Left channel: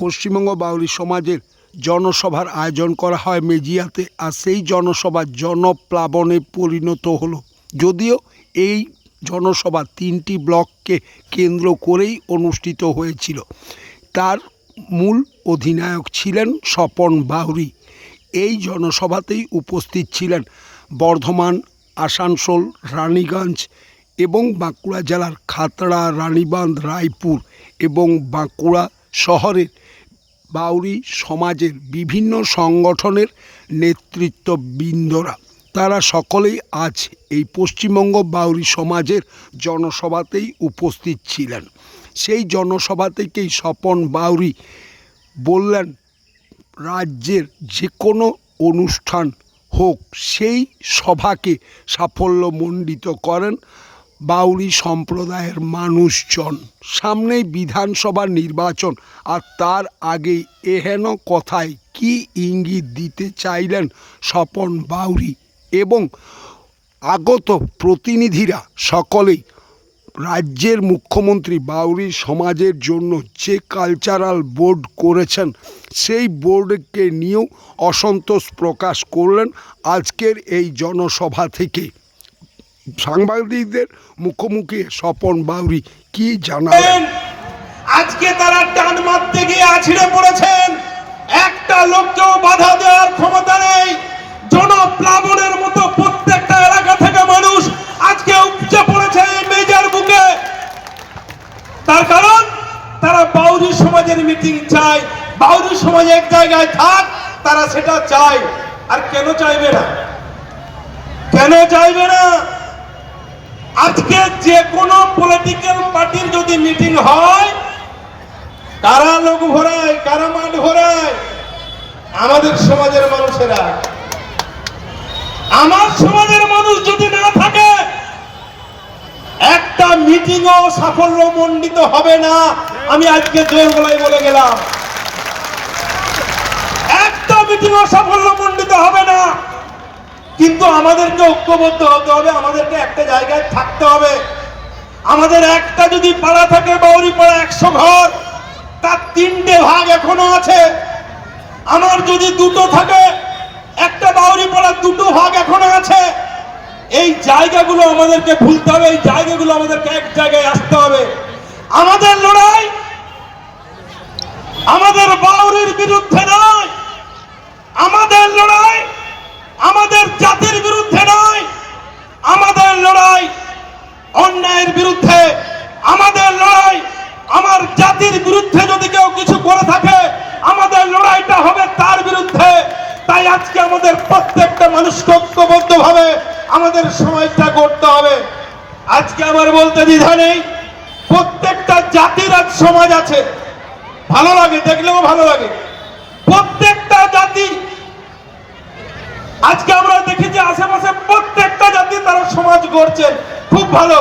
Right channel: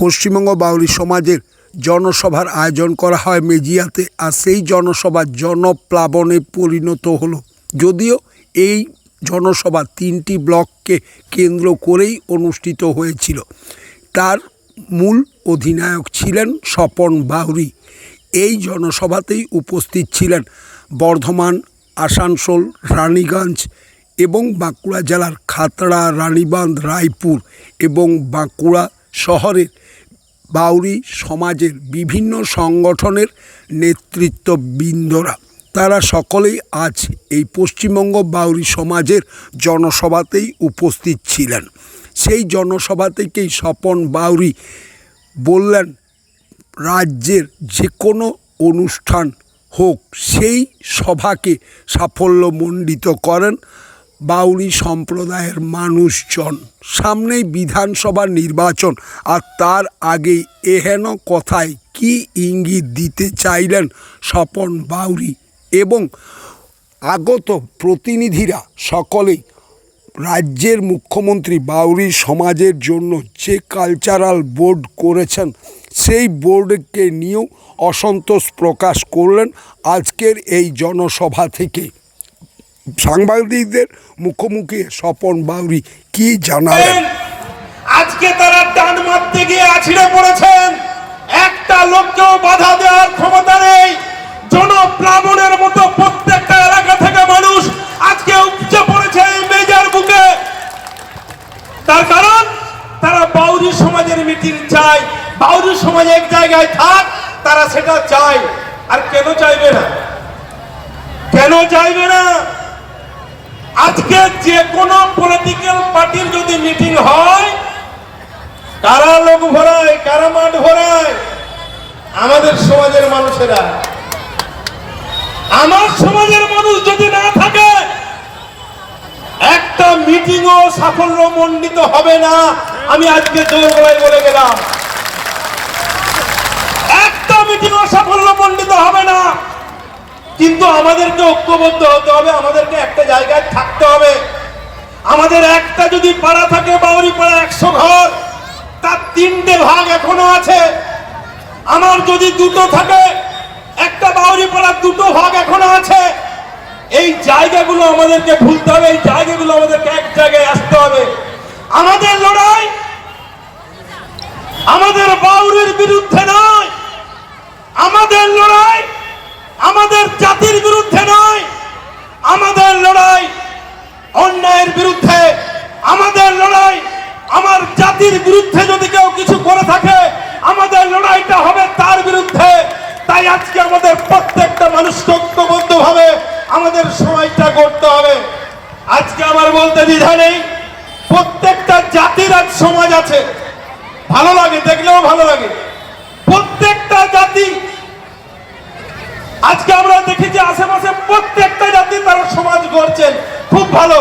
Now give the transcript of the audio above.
পশ্চিমবঙ্গ বাউরি সমাজের জনসভার আয়োজন করা হয় মেজিয়াতে, আর সেই জনসভা জনপ্লাবনে পরিণত হলো। যদিও এই জনসভা তিনটি ব্লককে কেন্দ্র করেই অনুষ্ঠিত হয়েছিল। তার মূল অধিনায়ক ছিলেন স্বপন বাউরি। এই জনসভাতেই উপস্থিত ছিলেন বর্ধমান, আসানসোল, রানীগঞ্জ এবং বাঁকুড়া জেলার খাতড়া, রানীবাঁধ, রায়পুর এবং বাঁকুড়া শহরের বাউরি সমাজের বিভিন্ন সংগঠনের নেতৃত্ব নেতৃত্ববৃন্দরা। তারা সকলেই আজ এই পশ্চিমবঙ্গ বাউরি সমাজের জনসভাতেই উপস্থিত ছিলেন। সেই জনসভা থেকেই স্বপন বাউরি বললেন, রাজ্যের যে কোনো অনুষ্ঠান হোক, সেই সভাকে সাফল্যমণ্ডিত করেন। বাউরি সম্প্রদায়ের মানুষজন, সামনেই বিধানসভা নির্বাচন, আর তার আগেই এহেন কথায় কি ইঙ্গিত দিতে চাইলেন স্বপন বাউরি এবং আগত প্রতিনিধিরা সকলেই? রাজ্যের মুখ্যমন্ত্রী বাউরি সমাজের জন্য যে কালচারাল বোর্ড করেছেন, সেই বোর্ডকে নিয়েও অসন্তোষ প্রকাশ করলেন আজকের এই জনসভা থেকে। সাংবাদিকদের মুখোমুখি স্বপন বাউরি কি জানালেন আজকে তারা টান মারতে গিয়ে আছিড়ে পড়েছেন। একটা লোককেও বাধা দেওয়ার ক্ষমতা নেই। জনপ্লাবনের মতো প্রত্যেকটা এলাকা থেকে মানুষ আজকে উপচে পড়েছে এই মেজার বুকে। তার কারণ, তারা বাউরি সমাজের মিটিং চায়। বাউরি সমাজ এক জায়গায় থাক, তারা সেটা চায়। আর কেন চাইবে না? কেন চাইবে না? আজকে যে কোনো পলিটিক্যাল পার্টির যদি মিটিং হয়, কারা লোক ভরায়, কারা মাঠ ভরায়? আমাদের সমাজের মানুষেরা। আমার সমাজের মানুষ যদি না থাকে, একটা মিটিংও সাফল্য মণ্ডিত হবে না। আমি আজকে জোর গলায় বলে গেলাম। একটা মিটিংও সাফল্য মণ্ডিত হবে না। কিন্তু আমাদেরকে ঐক্যবদ্ধ হতে হবে, আমাদেরকে একটা জায়গায় থাকতে হবে। আমাদের একটা যদি পাড়া থাকে বাউরি পাড়া একশো ঘর, তার তিনটে ভাগ এখনও আছে। আমার যদি দুটো থাকে, একটা বাউরি পাড়ার দুটো ভাগ এখনও আছে। এই জায়গাগুলো আমাদেরকে ভুলতে হবে, এই জায়গাগুলো আমাদেরকে এক জায়গায় আসতে হবে। আমাদের লড়াই আমাদের বাউরির বিরুদ্ধে নয় আমাদের লড়াই আমাদের জাতির বিরুদ্ধে নয় আমাদের লড়াই অন্যায়ের বিরুদ্ধে, আমাদের লড়াই আমার জাতির বিরুদ্ধে যদি কেউ কিছু করে থাকে, আমাদের লড়াইটা হবে তার বিরুদ্ধে। তাই আজকে আমাদের প্রত্যেকটা মানুষকে ঐক্যবদ্ধ ভাবে আমাদের সময়টা করতে হবে। আজকে আমার বলতে দ্বিধা নেই, প্রত্যেকটা জাতির আজ সমাজ আছে। ভালো লাগে, দেখলেও ভালো লাগে। প্রত্যেকটা জাতি, আজকে আমরা দেখি যে আশেপাশে প্রত্যেকটা জাতি তারা সমাজ গড়ছেন খুব ভালো।